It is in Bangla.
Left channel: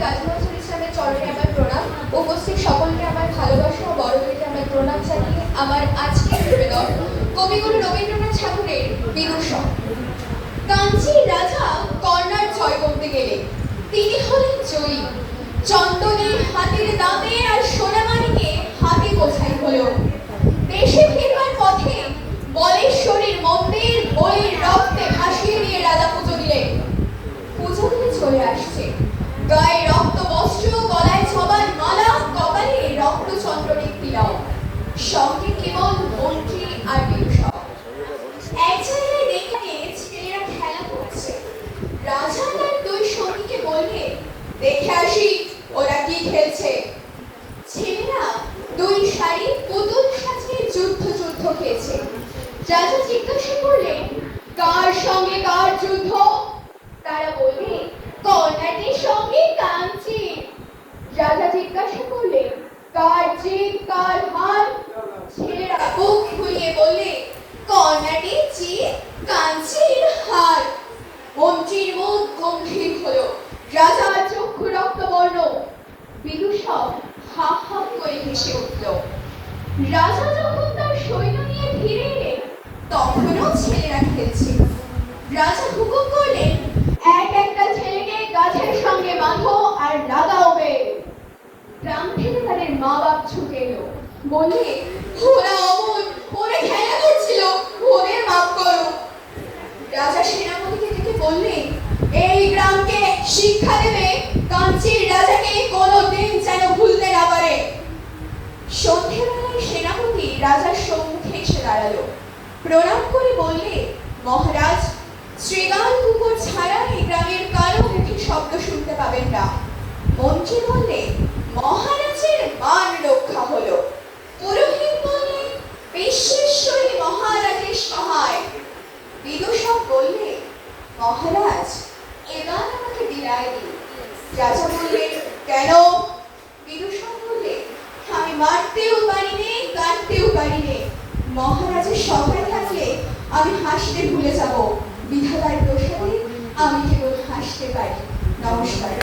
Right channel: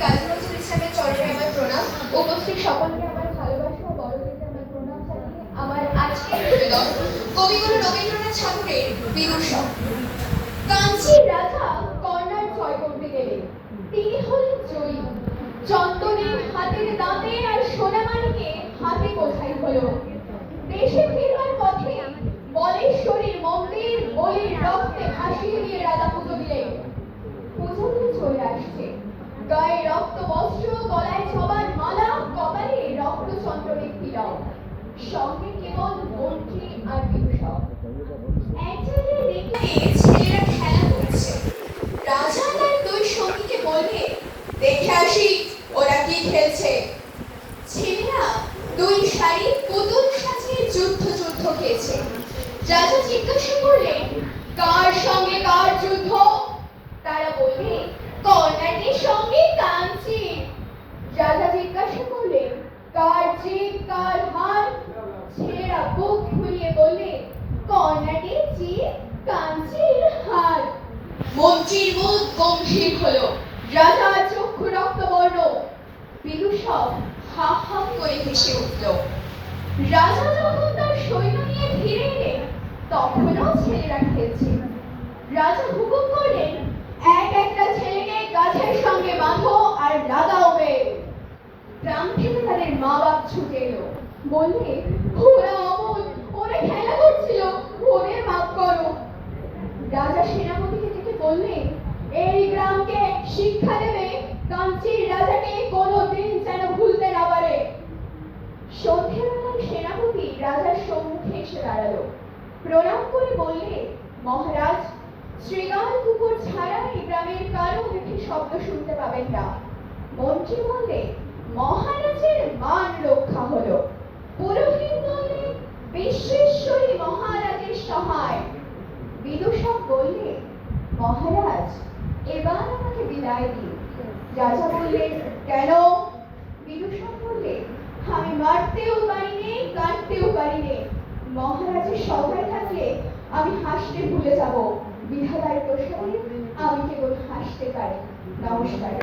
কাজী নজরুল ইসলামের চরণে আমার প্রণাম। উপস্থিত সকলকে আমার ভালোবাসা ও বড়দেরকে আমার প্রণাম জানিয়ে আমার আজকের নিবেদন কবিগুরু রবীন্দ্রনাথ ঠাকুরের বিদূষক। কাঞ্চীর রাজা কর্ণার জয় করতে গেলে তিনি হলেন জয়ী। চন্দনের হাতের দামে আর সোনামানিকে হাতে বোঝাই হলো। দেশে ফিরবার পথে বলেশ্বরীর মন্দির বলির রক্তে ভাসিয়ে দিয়ে রাজা পুজো দিলেন। পুজো দিতে চলে আসছে, গায়ে রক্ত বস্ত্র, গলায় ছবার মালা, কপালে রক্ত চন্দ্রনিক তিলক, সঙ্গে কেবল মন্ত্রী আর বিদূষক। এক জায়গায় দেখলে ছেলেরা খেলা করছে। রাজা তার দুই সঙ্গীকে বললে, দেখে আসি ওরা কি খেলছে। ছেলেরা দুই শাড়ি পুতুল সাজিয়ে যুদ্ধ খেয়েছে। রাজা জিজ্ঞাসা করলেন, কার সঙ্গে কার যুদ্ধ? তারা বললে, কর্ণাটির সঙ্গে কাঞ্চি। রাজা জিজ্ঞাসা করলেন, কার জিত কার হার? ছেলেরা বুক ফুলিয়ে বললে, কর্ণাটির জিত কাঞ্চির হার। মন্ত্রীর মুখ গম্ভীর হলো, রাজার চক্ষু রক্তবর্ণ। বিদূষক হা হা করে হেসে উঠল। রাজা যখন তার সৈন্য নিয়ে ফিরে এলেন, তখনও ছেলেরা খেলছে। রাজা হুকুম করলেন, এক একটা ছেলেকে গাছের সঙ্গে বাঁধো আর লাগাও বেল। গ্রাম থেকে তাদের মা বাপ ছুটে এলো, বললে, ওরা অমন, ওরা খেলা করছিল, ওদের মাফ করো। রাজা সেনাপতিকে ডেকে বললেন, এই গ্রামকে শিক্ষা দেবে কাঞ্চীর রাজাকে কোনোদিন যেন ভুলতে না পারে। সন্ধ্যেবেলায় সেনাপতি রাজার সম্মুখে এসে দাঁড়ালো। প্রণাম করে বললে, মহারাজ, শ্রীগাল কুকুর ছাড়া এই গ্রামের কারো মুখে শব্দ শুনতে পাবেন না। মন্ত্রী বললে, মহারাজের মান রক্ষা হলো। পুরোহিত বললে, বিশ্বেশ্বরী মহারাজের সহায়। বিদূষক বললে, মহারাজ, এবার আমাকে বিদায় দিন। রাজা বললেন, কেন? বিদূষক বললে, আমি মারতেও পারি নে, কাটতেও পারি নে। মহারাজের সভায় থাকলে আমি হাসতে ভুলে যাব। বিধাতার প্রসাদে আমি কেবল হাসতে পারি। নমস্কার।